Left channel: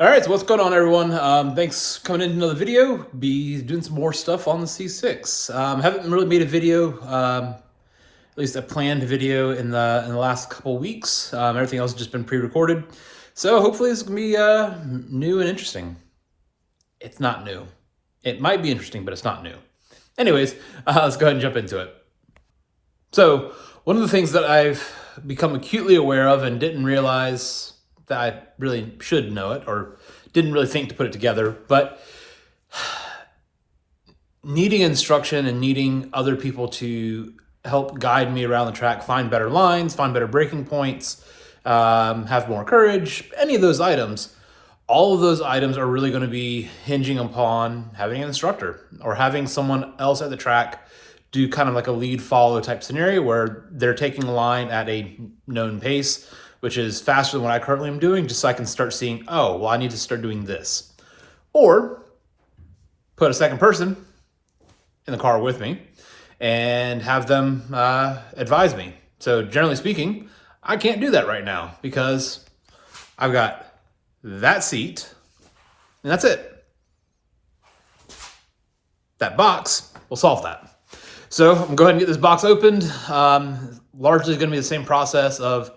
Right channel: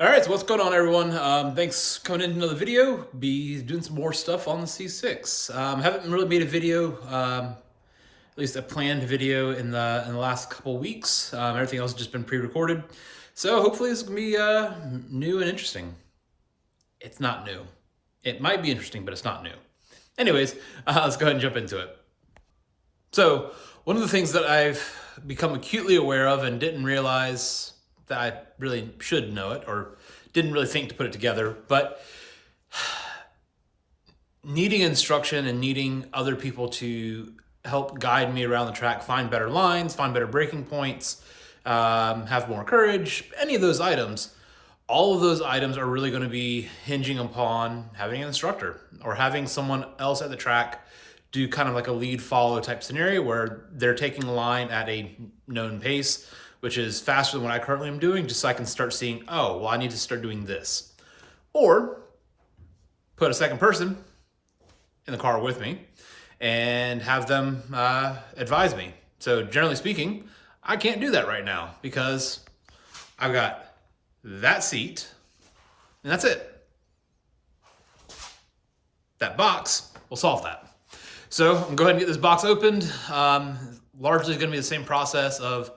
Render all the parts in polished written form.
All right, so what's going on, everyone? Thanks for coming into another video. Be doing some more stuff on the C6. Haven't really made a video, at least a planned video in the last couple of weeks. Everything else has just been pre-recorded. So hopefully this is gonna be new and interesting. It's not new. It might be interesting, but it's not new. Anyways, let's go ahead and jump into it. So one of the things that I've become acutely aware of and didn't realize that I really should know it, or didn't really think to put it together, but needing instruction and needing other people to help guide me around the track, find better lines, find better braking points, have more courage, any of those items, all of those items are really going to be hinging upon having an instructor or having someone else at the track do kind of like a lead follow type scenario where they're taking a line at a known pace, which is faster than what I currently am doing, just so I can start seeing, oh, well, I need to start doing this. Or put a second person in the car with me and have them advise me. So generally speaking, I can't do that right now because I've got that seat and that's it. That box will solve that. So I'm going to go ahead and get this box opened. Largely going to be the same process of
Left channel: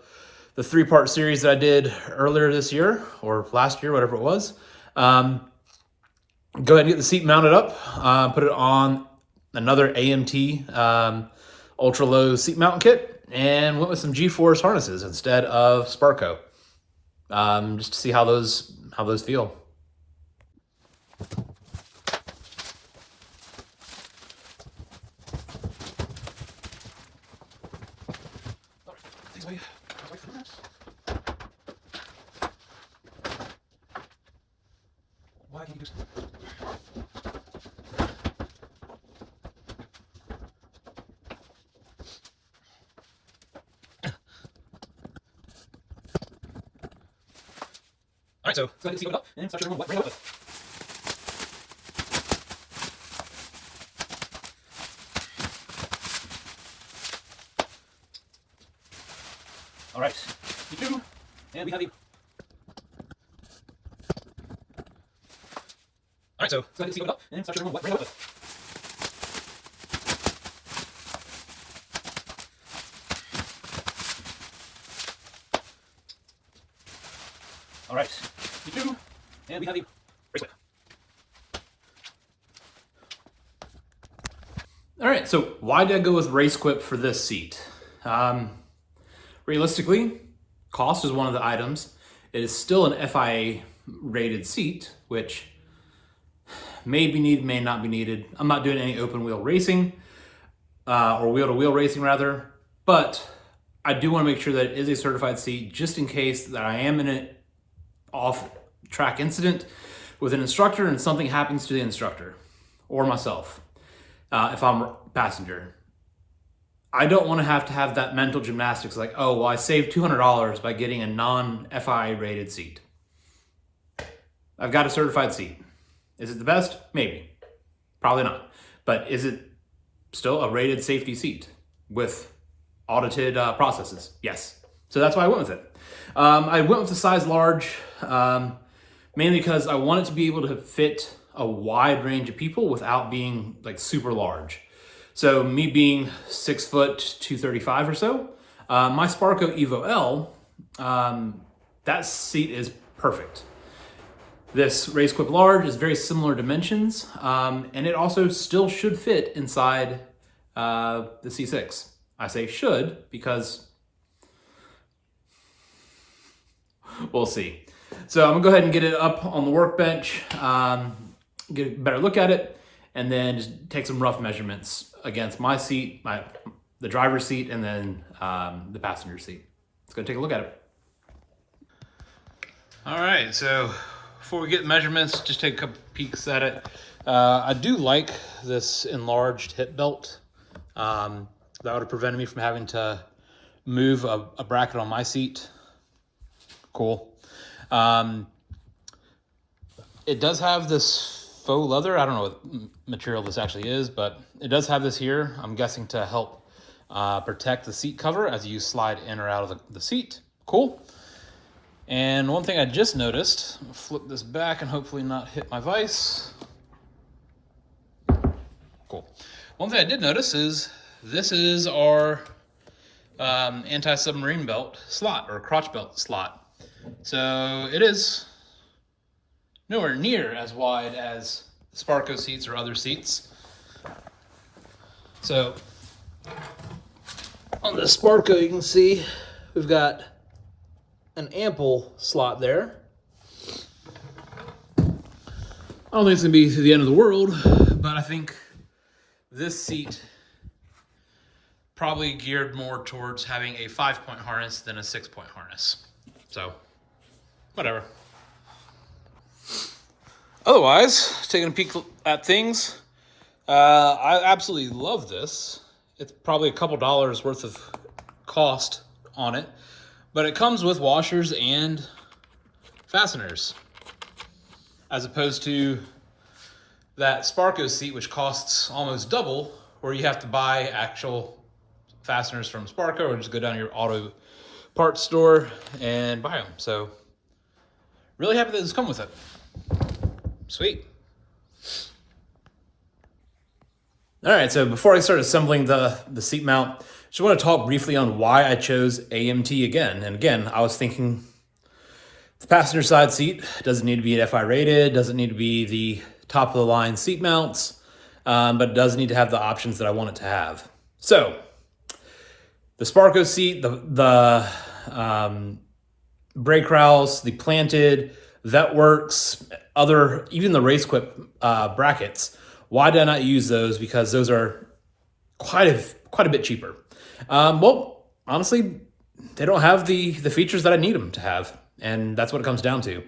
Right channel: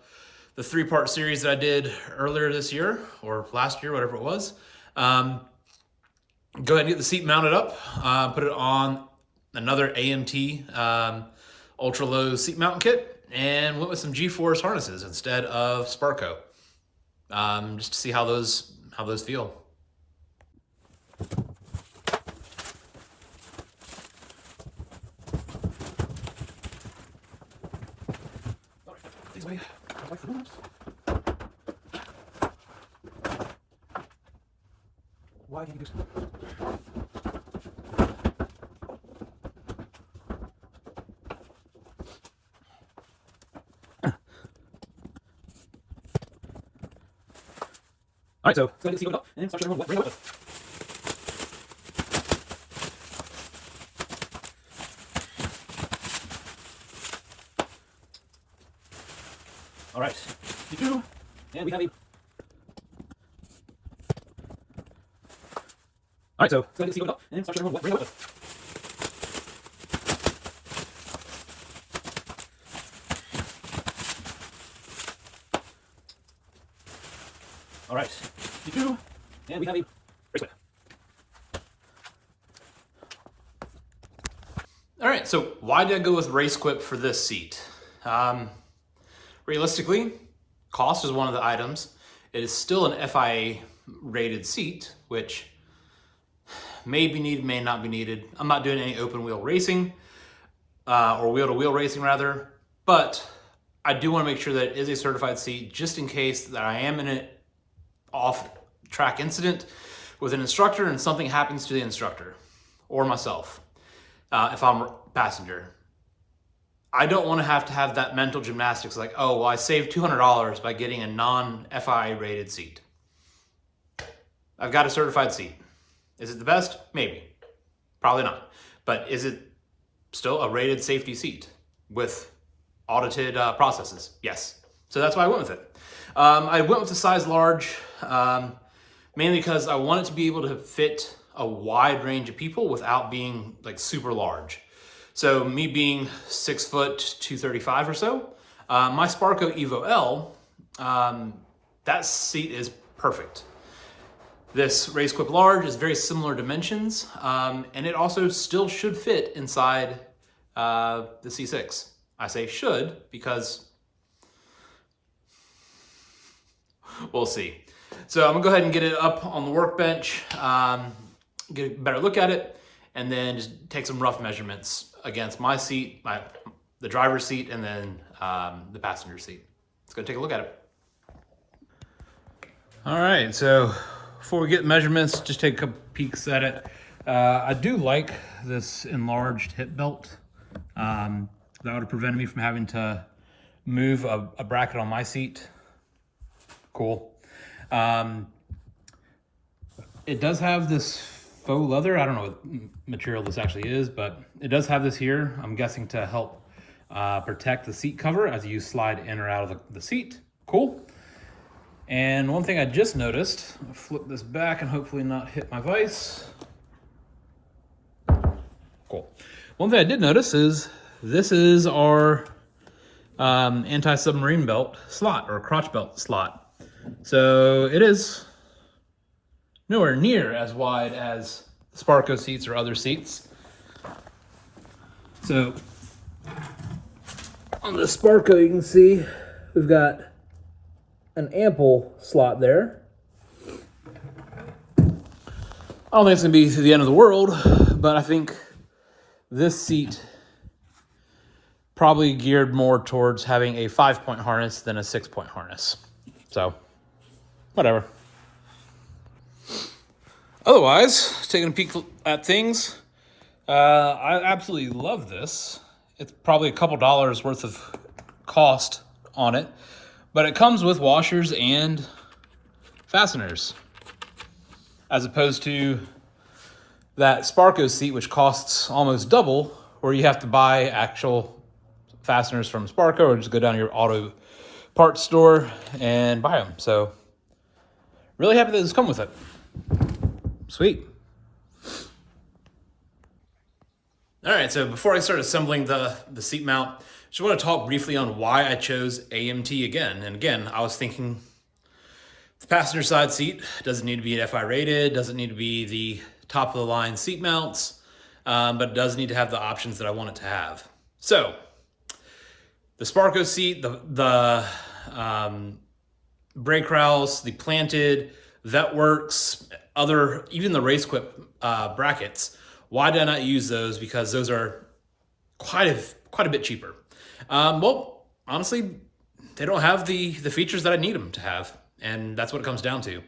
the 3-part series that I did earlier this year or last year, whatever it was. Go ahead and get the seat mounted up, put it on another AMT Ultra Low seat mount kit, and went with some G-Force harnesses instead of Sparco, just to see how those feel. Why can't you do something? All right, so let's go ahead and see what it up and start showing them what we're going with. All right, P2, and we have a. All right, so let's go ahead and see what it up and start showing them what we're going with. All right, P2, and we have a Race Quip. All right, so why did I go with Race Quip for this seat? Realistically, cost is one of the items. It is still an FIA rated seat, which may be needed, may not be needed. I'm not doing any open wheel racing, or wheel to wheel racing rather, but I do want to make sure that it is a certified seat just in case that I am in an off-track incident with an instructor and something happens to the instructor or myself, if I'm a passenger. I don't want to have that mental gymnastics like, oh, well, I saved $200 by getting a non-FIA rated seat. I've got a certified seat. Is it the best? Maybe. Probably not. But is it still a rated safety seat with audited processes? Yes. So that's why I went with it. I went with the size large, mainly because I wanted to be able to fit a wide range of people without being like super large. So me being 6 foot 235 or so, my Sparco Evo L, that seat is perfect. This Race Quip large is very similar dimensions, and it also still should fit inside the C6. I say should because we'll see. So I'm gonna go ahead and get it up on the workbench, get a better look at it, and then just take some rough measurements against my seat, the driver's seat, and then the passenger seat. Let's go take a look at it. All right, so before we get measurements, just take a couple peeks at it. I do like this enlarged hip belt. That would have prevented me from having to move a bracket on my seat. Cool. It does have this faux leather. I don't know what material this actually is, but it does have this here. I'm guessing to help protect the seat cover as you slide in or out of the seat. Cool. And one thing I just noticed, I'll flip this back and hopefully not hit my vise. Cool. One thing I did notice is this is our anti-submarine belt slot, or crotch belt slot. So it is nowhere near as wide as Sparco seats or other seats. So on the Sparco, you can see we've got an ample slot there. I don't think it's gonna be the end of the world, but I think this seat probably geared more towards having a 5-point harness than a 6-point harness. So, whatever. Otherwise, taking a peek at things, I absolutely love this. It's probably a couple dollars worth of cost on it, but it comes with washers and fasteners, as opposed to that Sparco seat, which costs almost double, where you have to buy actual fasteners from Sparco or just go down to your auto parts store and buy them. So really happy that this come with it. Sweet. All right, so before I start assembling the seat mount, just want to talk briefly on why I chose AMT again. And again, I was thinking the passenger side seat doesn't need to be FI rated, doesn't need to be the top of the line seat mounts, but it does need to have the options that I want it to have. So the Sparco seat, the brake rowels, the planted, Vetworks, even the Race Quip brackets. Why did I not use those? Because those are quite a bit cheaper. Well, honestly, they don't have the features that I need them to have, and that's what it comes down to.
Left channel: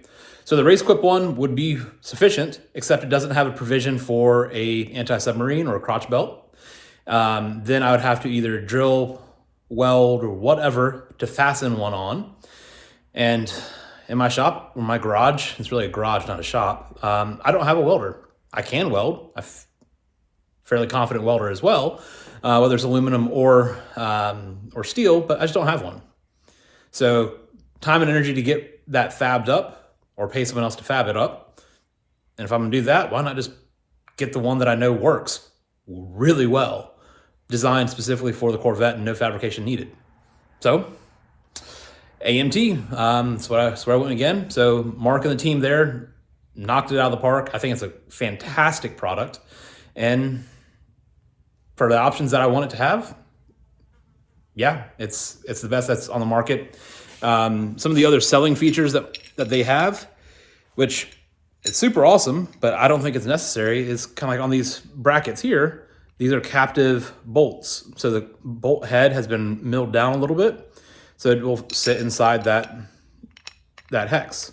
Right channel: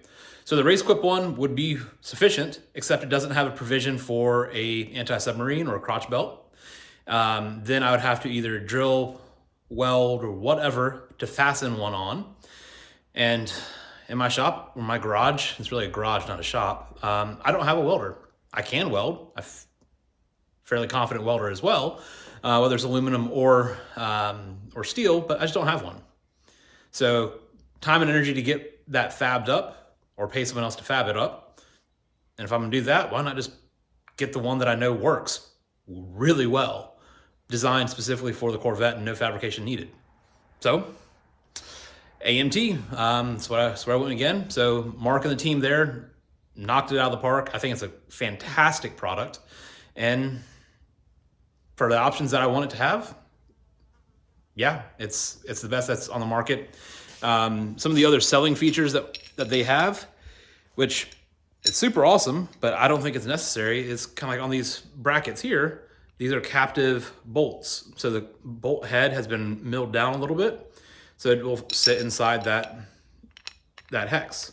So the Race Quip one would be sufficient, except it doesn't have a provision for a anti-submarine or a crotch belt. Then I would have to either drill, weld, or whatever to fasten one on. And in my shop, or my garage, it's really a garage, not a shop, I don't have a welder. I can weld. I'm fairly confident welder as well, whether it's aluminum or steel, but I just don't have one. So time and energy to get that fabbed up, or pay someone else to fab it up. And if I'm gonna do that, why not just get the one that I know works really well, designed specifically for the Corvette and no fabrication needed. So AMT, that's where I went again. So Mark and the team there knocked it out of the park. I think it's a fantastic product. And for the options that I want it to have, yeah, it's the best that's on the market. Some of the other selling features that they have, which is super awesome, but I don't think it's necessary, is kind of like on these brackets here. These are captive bolts. So the bolt head has been milled down a little bit, so it will sit inside that hex.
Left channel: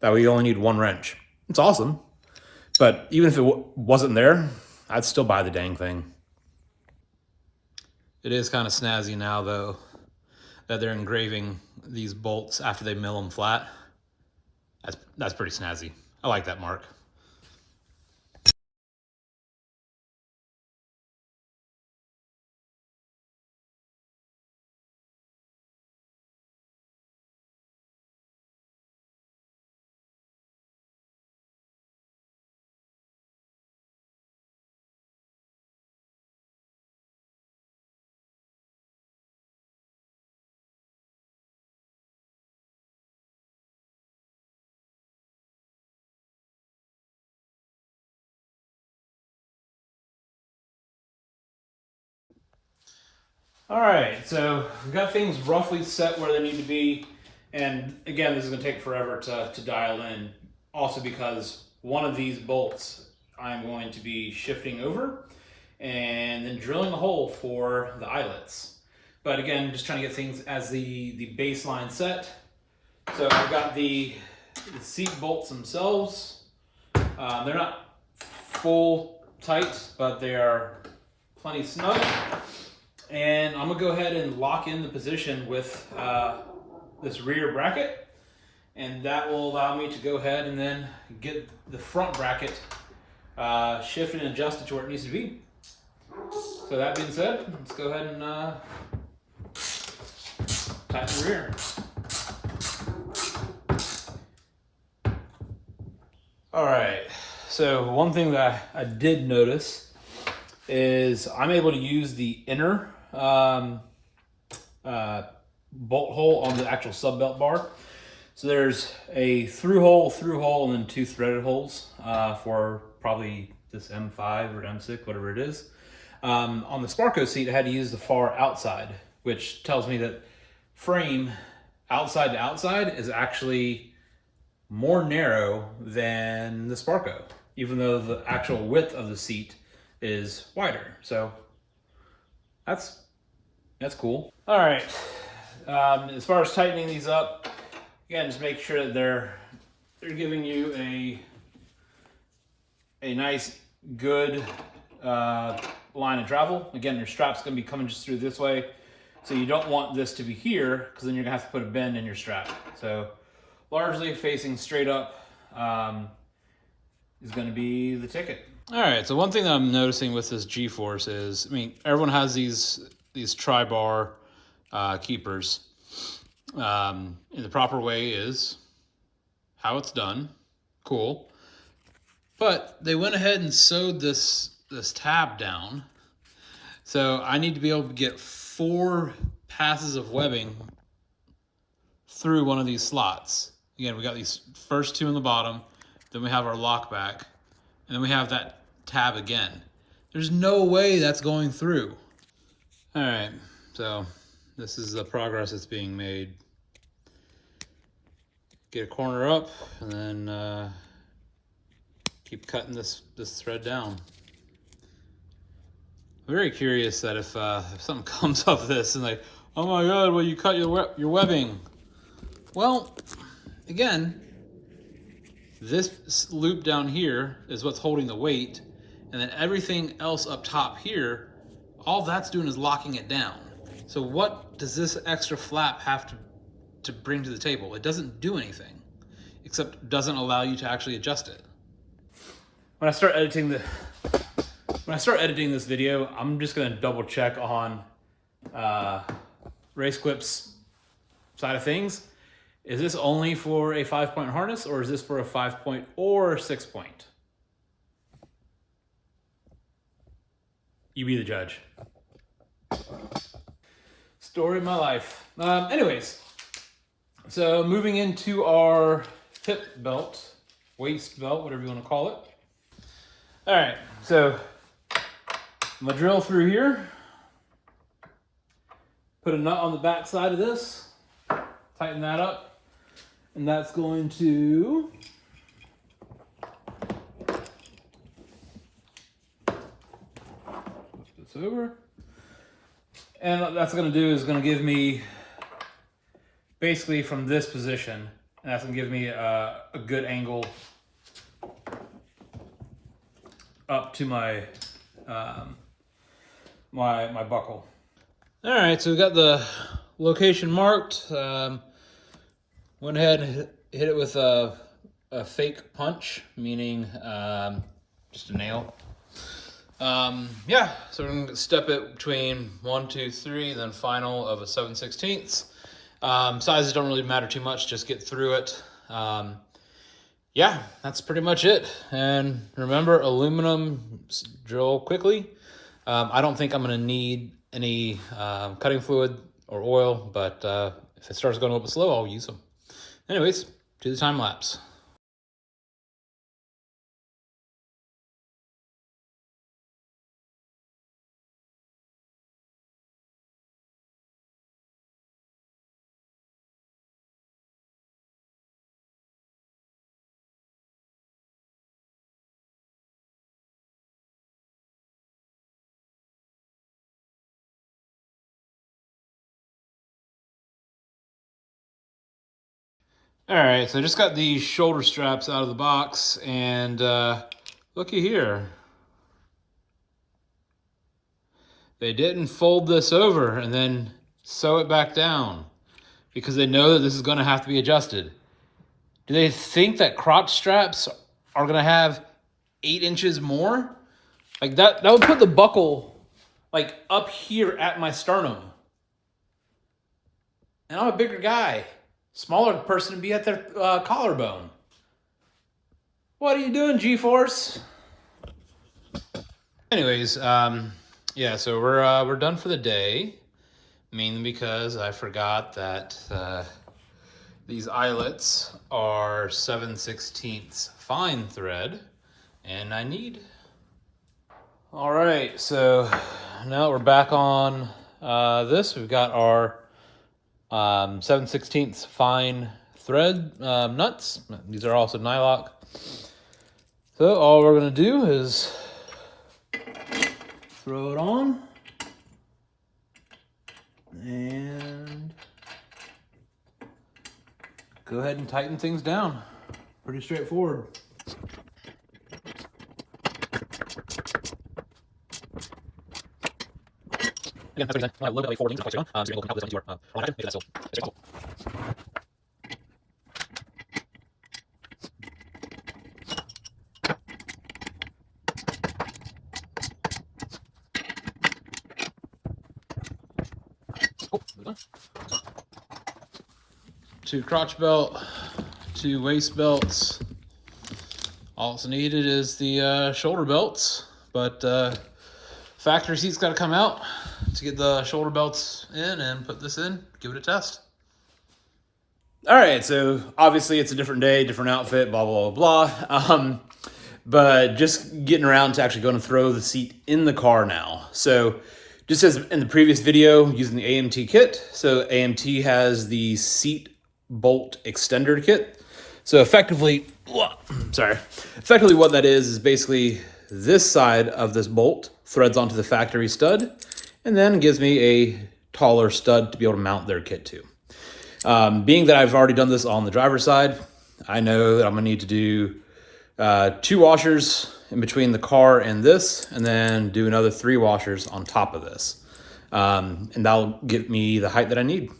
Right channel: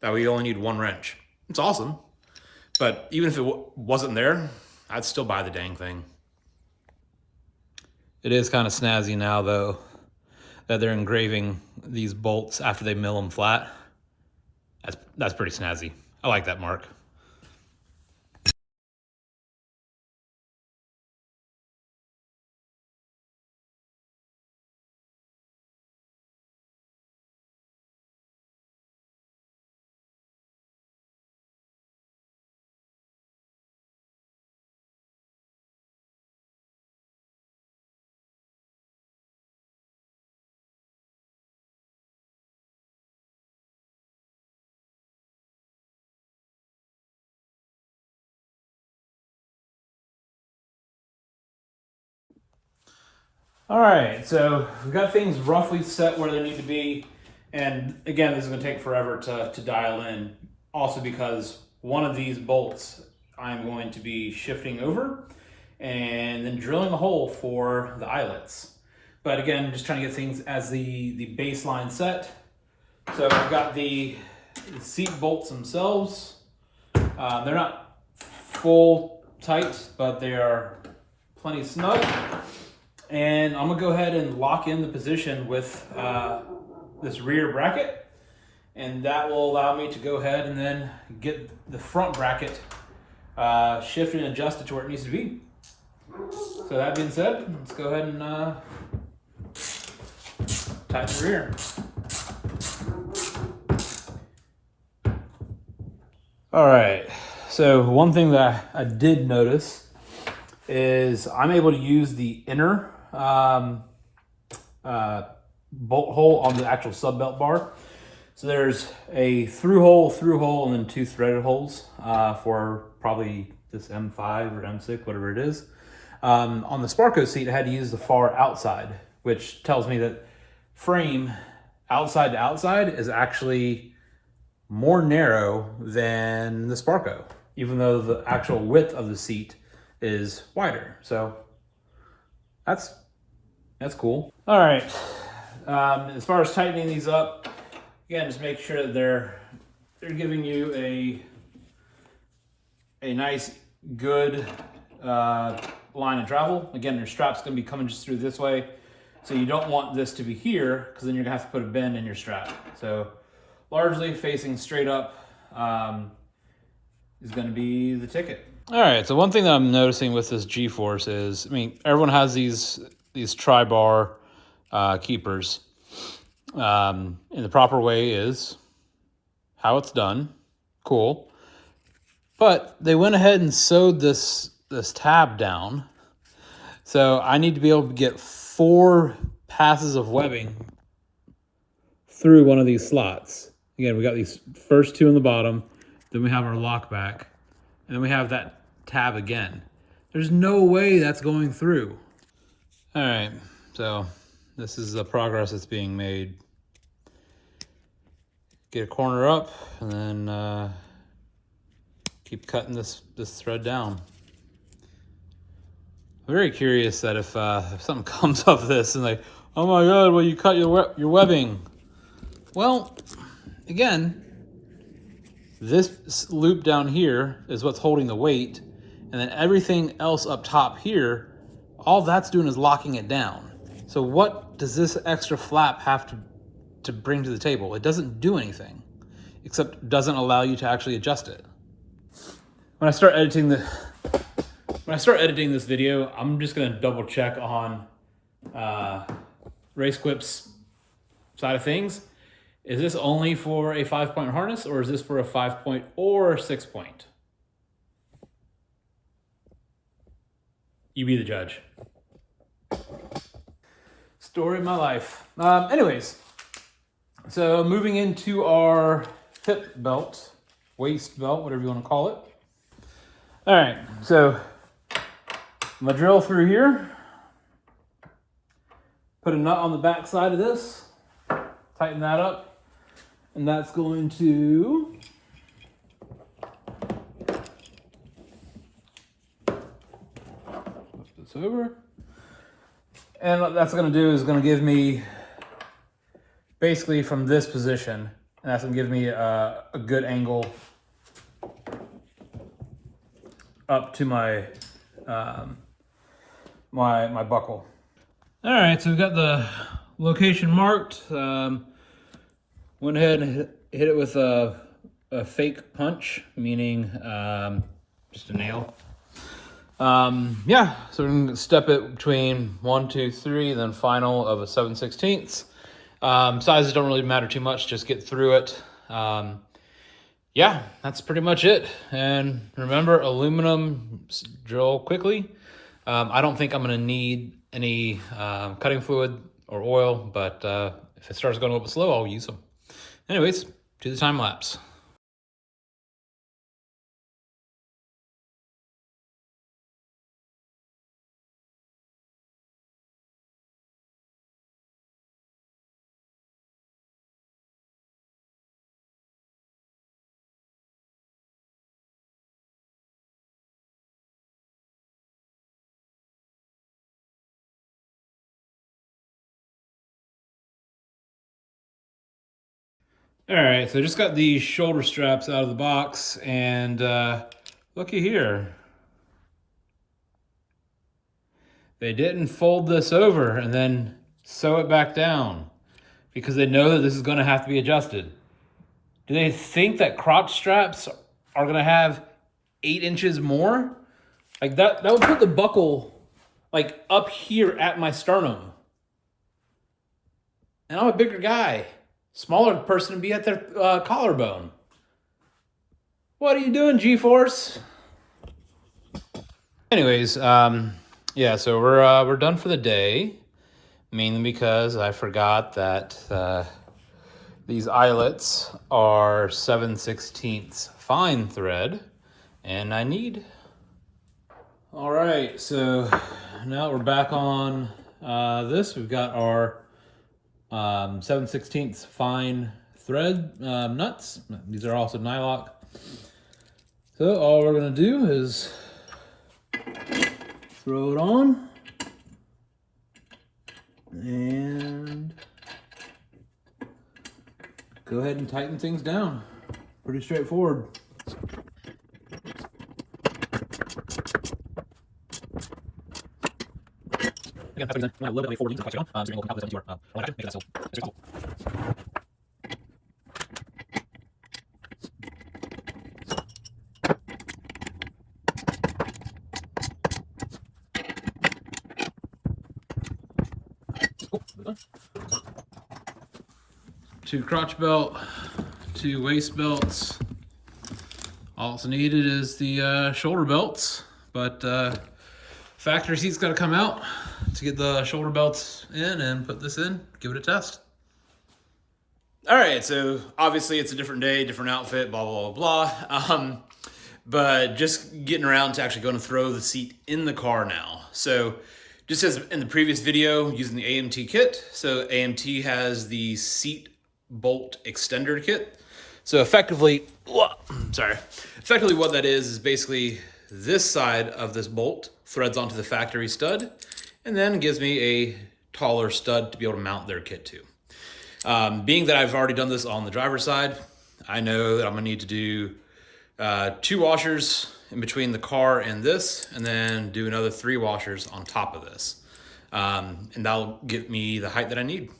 That way you only need one wrench. It's awesome, but even if it wasn't there, I'd still buy the dang thing. It is kind of snazzy now, though, that they're engraving these bolts after they mill them flat. That's pretty snazzy. I like that, Mark. All right, so we've got things roughly set where they need to be. And again, this is gonna take forever to dial in. Also because one of these bolts I'm going to be shifting over and then drilling a hole for the eyelets. But again, just trying to get things as the baseline set. So I've got the seat bolts themselves. They're not full tight, but they are plenty snug. And I'm gonna go ahead and lock in the position with this rear bracket, and that will allow me to go ahead and then get the front bracket shifted and adjusted to where it needs to be. So that being said, let's go ahead and tighten the rear. All right, so one thing that I did notice is I'm able to use the inner bolt hole on the actual sub belt bar. So there's a through hole, and then 2 threaded holes for probably this M5 or M6, whatever it is. On the Sparco seat, I had to use the far outside, which tells me that frame outside to outside is actually more narrow than the Sparco, even though the actual width of the seat is wider. So that's cool. All right, as far as tightening these up, again, just make sure that they're giving you a nice, good line of travel. Again, your strap's gonna be coming just through this way, so you don't want this to be here, because then you're gonna have to put a bend in your strap. So largely facing straight up is gonna be the ticket. All right, so one thing that I'm noticing with this G-Force is, I mean, everyone has these tri-bar keepers. In the proper way is how it's done. Cool. But they went ahead and sewed this tab down. So I need to be able to get 4 passes of webbing through one of these slots. Again, we got these first 2 in the bottom, then we have our lock back, and then we have that tab again. There's no way that's going through. All right, so this is the progress that's being made. Get a corner up, and then keep cutting this thread down. I'm very curious that if something comes off this and like, oh my God, well, you cut your webbing. Well, again, this loop down here is what's holding the weight, and then everything else up top here, all that's doing is locking it down. So what does this extra flap have to bring to the table? It doesn't do anything, except doesn't allow you to actually adjust it. When I start editing this video, I'm just gonna double check on Race Quip's side of things. Is this only for a 5-point harness, or is this for a 5-point or 6-point? You be the judge. Story of my life. Anyways, so moving into our hip belt, waist belt, whatever you want to call it. All right, so I'm gonna drill through here, put a nut on the back side of this, tighten that up, and that's going to flip this over. And what that's going to do is going to give me, basically from this position, and that's going to give me a good angle up to my my buckle. All right, so we've got the location marked. Went ahead and hit it with a fake punch, meaning just a nail. Yeah, so we're gonna step it between 1, 2, 3, then final of a 7/16. Sizes don't really matter too much, just get through it. Yeah, that's pretty much it. And remember, aluminum, drill quickly. I don't think I'm gonna need any cutting fluid or oil, but if it starts going a little bit slow, I'll use them. Anyways, do the time lapse. All right, so I just got these shoulder straps out of the box, and looky here. They didn't fold this over and then sew it back down because they know that this is gonna have to be adjusted. Do they think that crotch straps are gonna have 8 inches more? Like that would put the buckle like up here at my sternum. And I'm a bigger guy. Smaller person would be at their collarbone. What are you doing, G-Force? Anyways, yeah, so we're done for the day, mainly because I forgot that these eyelets are 7/16 fine thread, and I need. All right, so now we're back on this. We've got our 7/16 fine thread nuts. These are also nylock. So all we're gonna do is throw it on and go ahead and tighten things down. Pretty straightforward. Again, that's a little bit forward leans, so you're going to calculate your make sure that's still. Two crotch belt, two waist belts. All it's needed is the shoulder belts, but factory seat's got to come out to get the shoulder belts in and put this in, give it a test. All right, so obviously it's a different day, different outfit, blah, blah, blah, blah. But just getting around to actually going to throw the seat in the car now. So just as in the previous video, using the AMT kit. So AMT has the seat bolt extender kit. So effectively what that is basically this side of this bolt threads onto the factory stud and then gives me a taller stud to be able to mount their kit to. Being that I've already done this on the driver's side, I know that I'm gonna need to do 2 washers in between the car and this, and then do another 3 washers on top of this. And that'll get me the height that I need.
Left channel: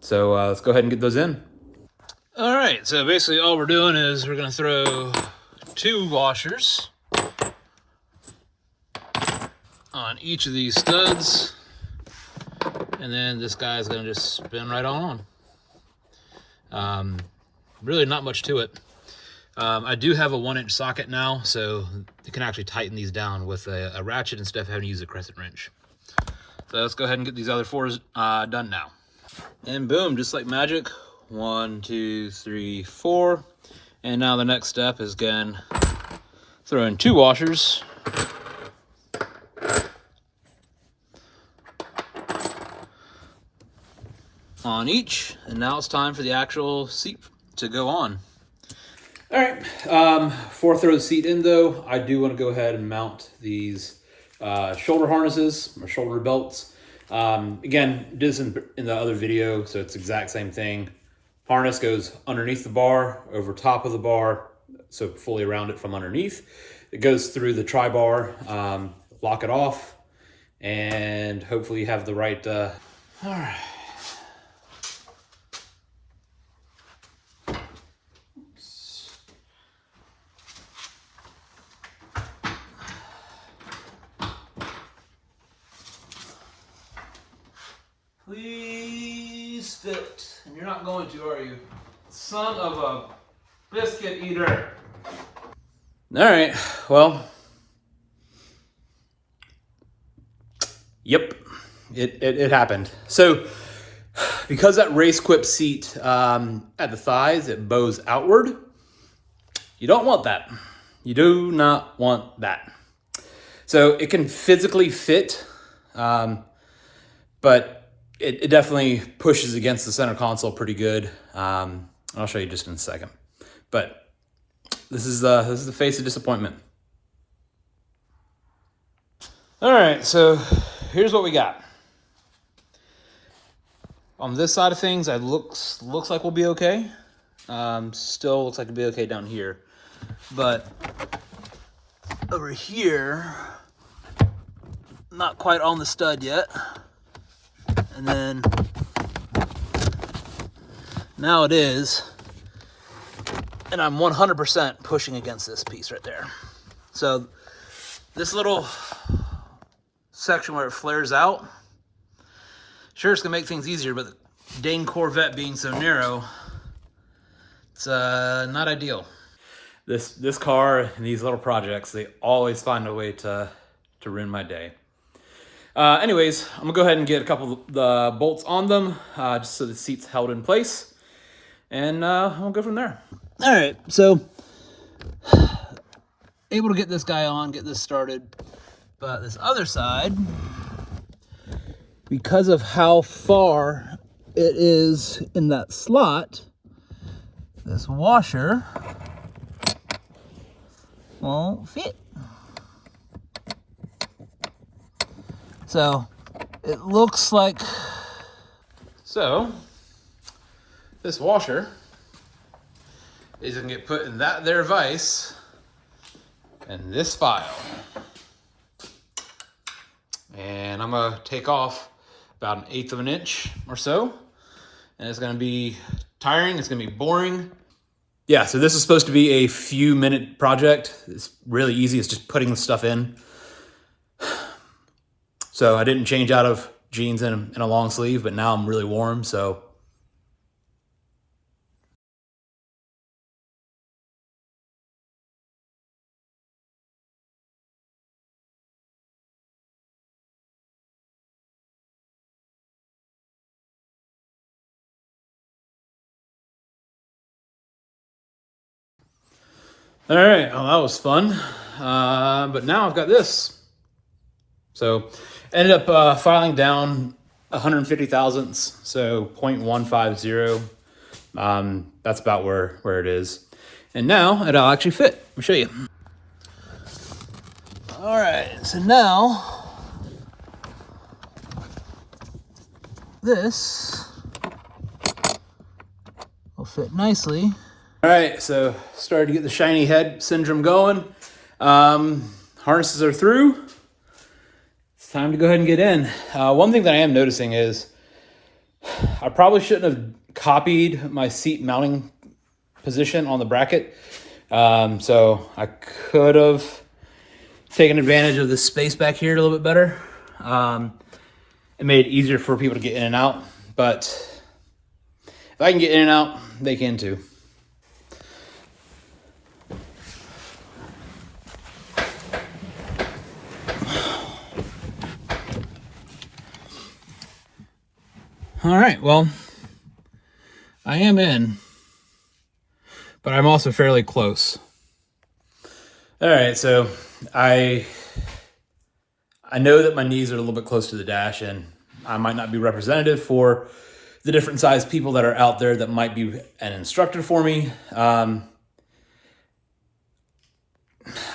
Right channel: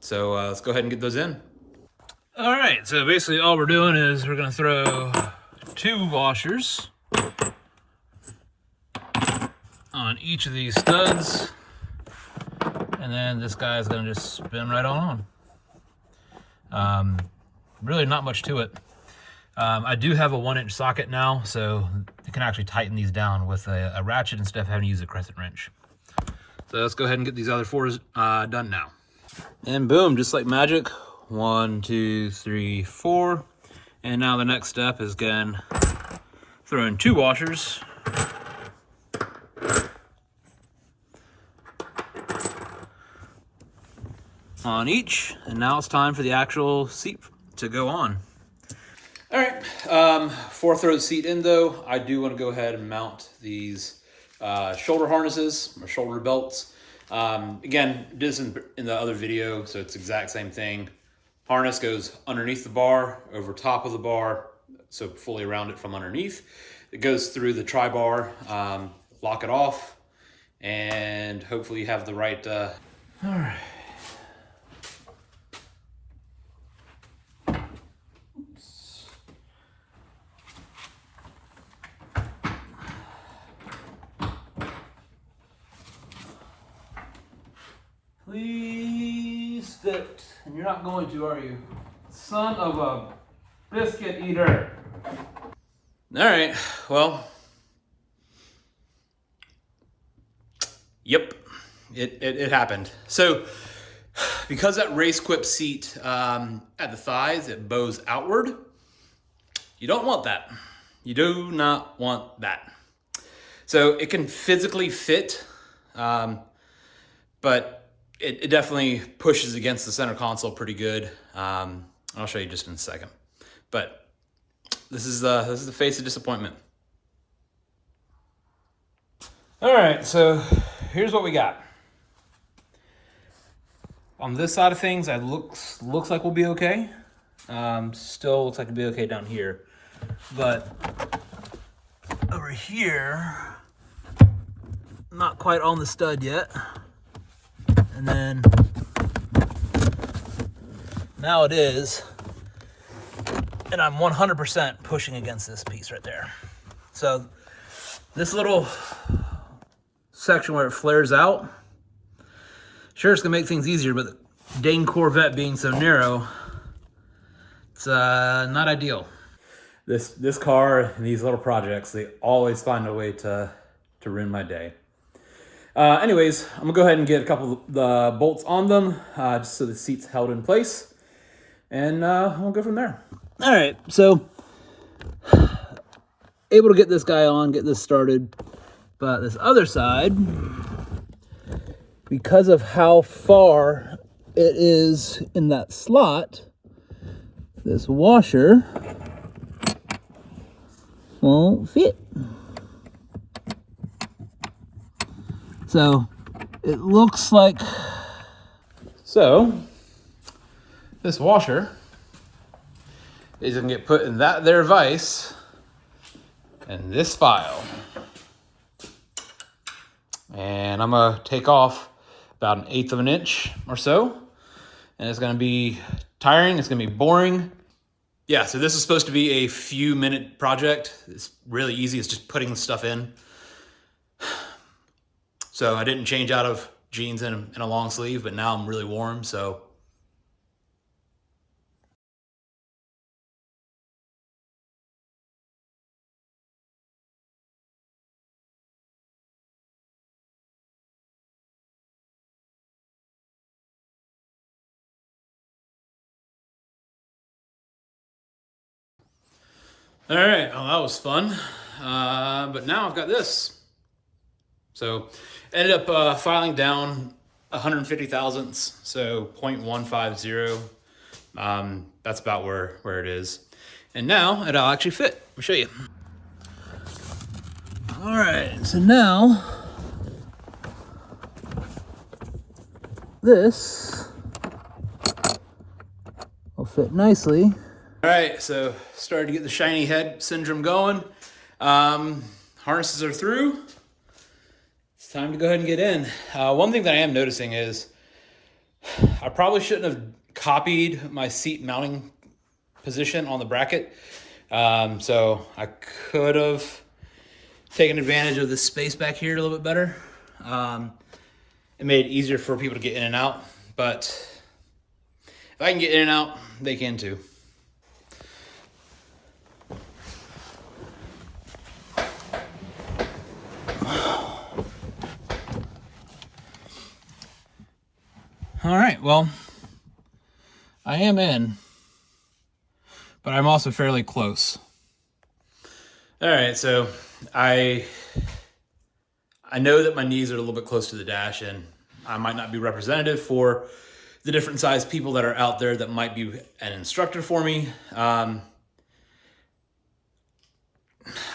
So let's go ahead and get those in. All right, so basically all we're doing is we're gonna throw 2 washers on each of these studs, and then this guy's gonna just spin right on. Really not much to it. I do have a 1-inch socket now, so you can actually tighten these down with a ratchet instead of having to use a crescent wrench. So let's go ahead and get these other 4s done now. And boom, just like magic, 1, 2, 3, 4. And now the next step is again throwing 2 washers on each, and now it's time for the actual seat to go on. All right, before I throw the seat in though, I do want to go ahead and mount these shoulder harnesses, or shoulder belts. Again, did this in the other video, so it's the exact same thing. Harness goes underneath the bar, over top of the bar, so fully around it from underneath. It goes through the tri-bar, lock it off, and hopefully you have the right... All right. Please fit. And you're not going to, are you? Son of a biscuit eater. All right, well. Yep, it happened. So, because that Race Quip seat at the thighs, it bows outward. You don't want that. You do not want that. So it can physically fit, but it definitely pushes against the center console pretty good. I'll show you just in a second. But this is the face of disappointment. All right, so here's what we got. On this side of things, it looks like we'll be okay. Still looks like it'll be okay down here. But over here, not quite on the stud yet. And then now it is, and I'm 100% pushing against this piece right there. So this little section where it flares out, sure, it's gonna make things easier, but the dang Corvette being so narrow, it's not ideal. This car and these little projects, they always find a way to ruin my day. Anyways, I'm gonna go ahead and get a couple of the bolts on them, just so the seat's held in place, and we'll go from there. All right, so able to get this guy on, get this started, but this other side, because of how far it is in that slot, this washer won't fit. So it looks like, so this washer is gonna get put in that there vise and this file. And I'm gonna take off about 1/8 of an inch or so. And it's gonna be tiring, it's gonna be boring. Yeah, so this is supposed to be a few minute project. It's really easy, it's just putting the stuff in. So I didn't change out of jeans and a long sleeve, but now I'm really warm, so. All right, well, that was fun. But now I've got this. So ended up filing down 150 thousandths, so 0.150. That's about where it is. And now it'll actually fit. Let me show you. All right, so now this will fit nicely. All right, so started to get the shiny head syndrome going. Harnesses are through. It's time to go ahead and get in. One thing that I am noticing is I probably shouldn't have copied my seat mounting position on the bracket. So I could have taken advantage of the space back here a little bit better. It made it easier for people to get in and out, but if I can get in and out, they can too. All right, well, I am in, but I'm also fairly close. All right, so I know that my knees are a little bit close to the dash, and I might not be representative for the different size people that are out there that might be an instructor for me. I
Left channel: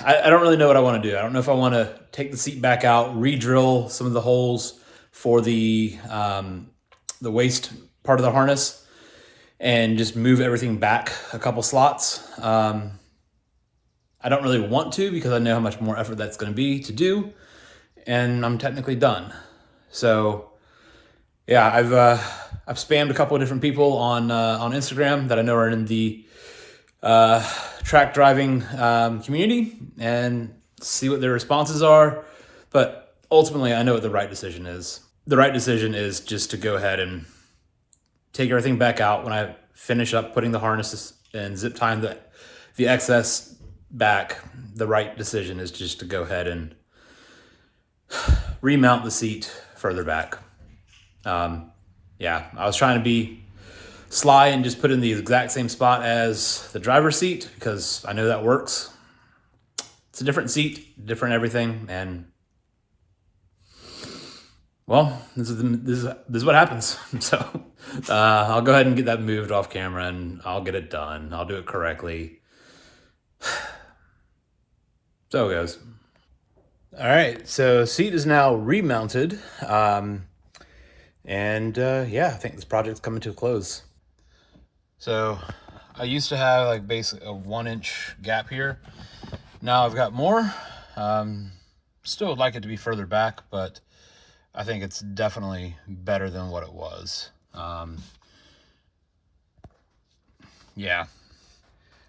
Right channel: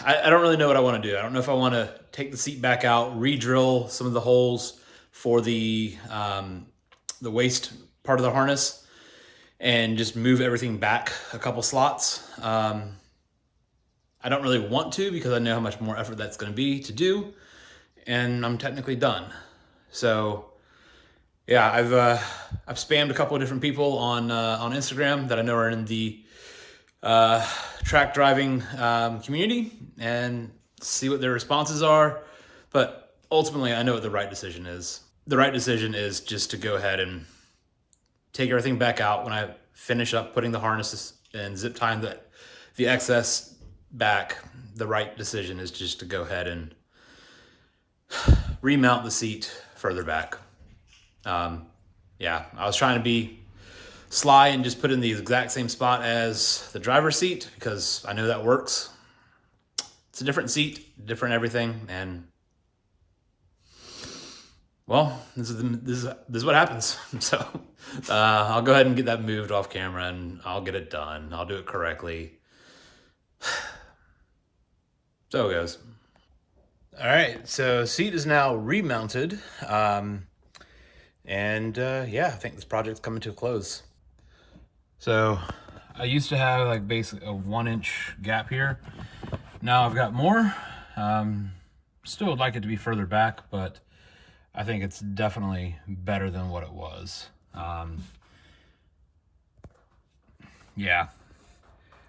don't really know what I want to do. I don't know if I want to take the seat back out, re-drill some of the holes for the waist part of the harness, and just move everything back a couple slots. I don't really want to, because I know how much more effort that's going to be to do, and I'm technically done. So yeah, I've spammed a couple of different people on Instagram that I know are in the track driving community, and see what their responses are. But ultimately, I know what the right decision is. The right decision is just to go ahead and take everything back out when I finish up putting the harnesses and zip tying the excess back. The right decision is just to go ahead and remount the seat further back. Yeah, I was trying to be sly and just put in the exact same spot as the driver's seat, because I know that works. It's a different seat, different everything, and well, this is what happens. So I'll go ahead and get that moved off camera, and I'll get it done. I'll do it correctly. So it goes. All right, so seat is now remounted. Yeah, I think this project's coming to a close. So I used to have like basically a 1-inch gap here. Now I've got more. Still would like it to be further back, but I think it's definitely better than what it was. Yeah,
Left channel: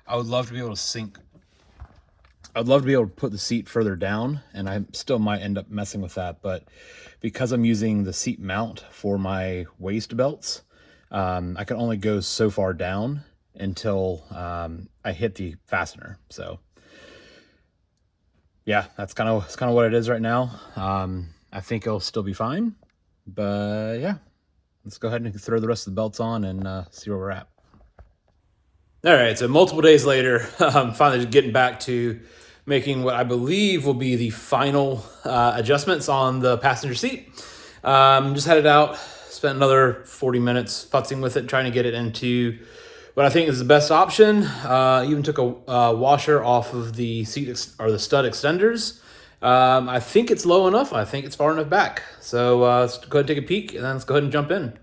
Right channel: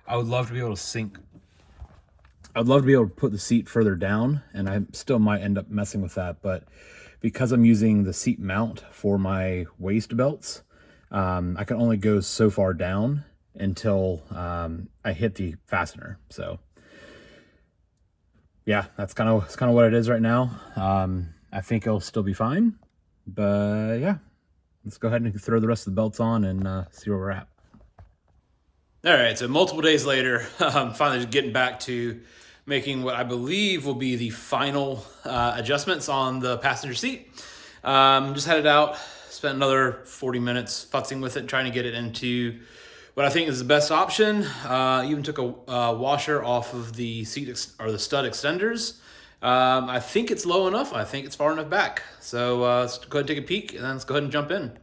I would love to be able to sink. I'd love to be able to put the seat further down, and I still might end up messing with that, but because I'm using the seat mount for my waist belts, I can only go so far down, until I hit the fastener. So yeah, that's kind of what it is right now. I think it'll still be fine, but yeah, let's go ahead and throw the rest of the belts on and see where we're at. All right, so multiple days later, I'm finally getting back to making what I believe will be the final adjustments on the passenger seat. Just had it out, spent another 40 minutes futzing with it, trying to get it into what I think is the best option. Even took a washer off of the seat or the stud extenders. I think it's low enough. I think it's far enough back. So let's go ahead and take a peek, and then let's go ahead and jump in.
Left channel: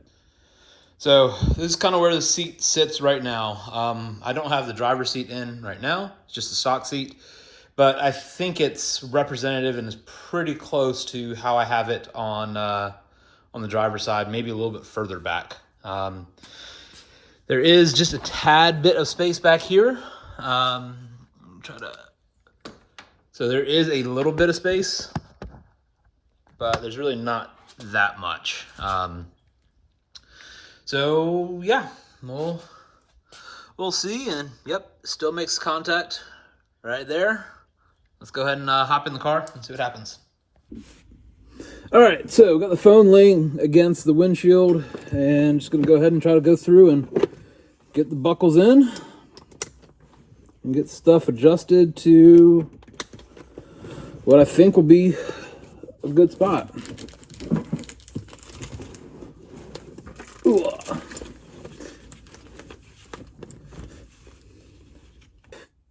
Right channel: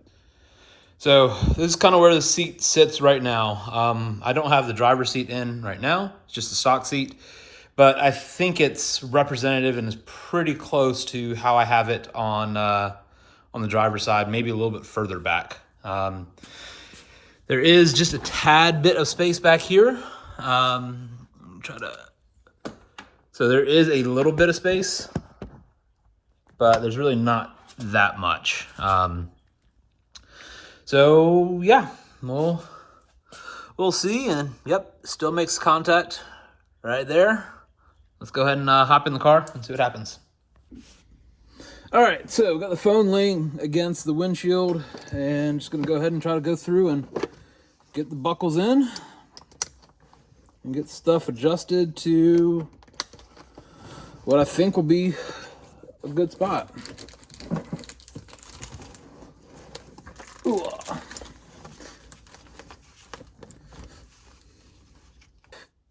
So this is kind of where the seat sits right now. I don't have the driver's seat in right now. It's just a stock seat. But I think it's representative and is pretty close to how I have it on the driver's side, maybe a little bit further back. There is just a tad bit of space back here. So there is a little bit of space, but there's really not that much. So yeah, we'll see. And yep, still makes contact right there. Let's go ahead and hop in the car and see what happens. All right, so we've got the phone laying against the windshield, and just gonna go ahead and try to go through and get the buckles in and get stuff adjusted to what I think will be a good spot. Ooh.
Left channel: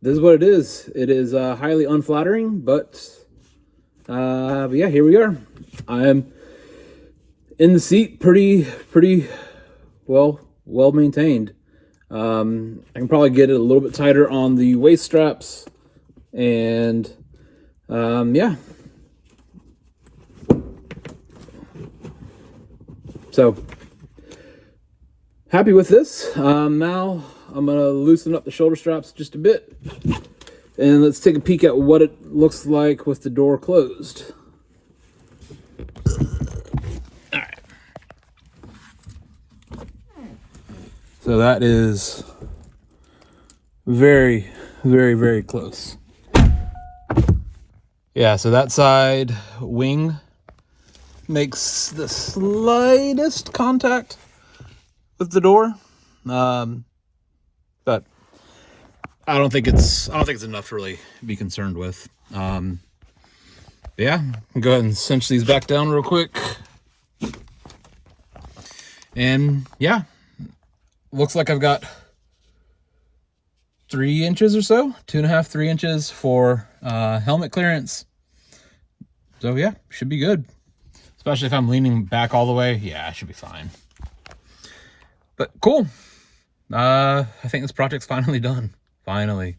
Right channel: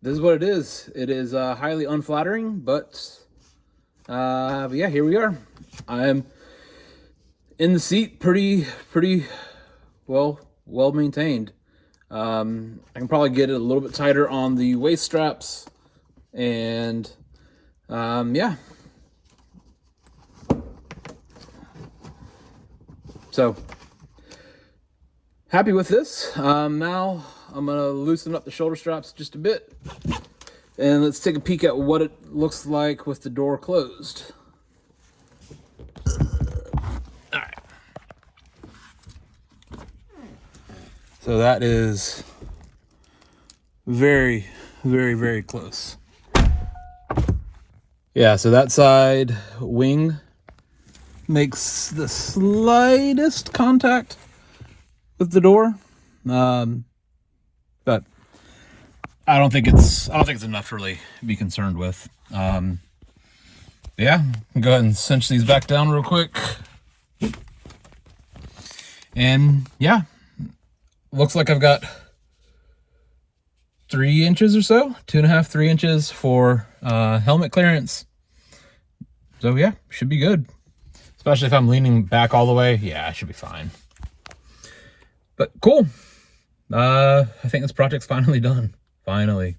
This is what it is. It is highly unflattering, but yeah, here we are. I am in the seat, pretty well maintained. I can probably get it a little bit tighter on the waist straps, and yeah. So happy with this. Now I'm gonna loosen up the shoulder straps just a bit, and let's take a peek at what it looks like with the door closed. All right. So that is very close. Yeah, so that side wing makes the slightest contact with the door. But I don't think it's enough to really be concerned with. Yeah, I'll go ahead and cinch these back down real quick. And yeah, looks like I've got 3 inches or so, 2.5, 3 inches for helmet clearance. So yeah, should be good. Especially if I'm leaning back all the way. Yeah, I should be fine. But cool. I think this project's finally done. Finally.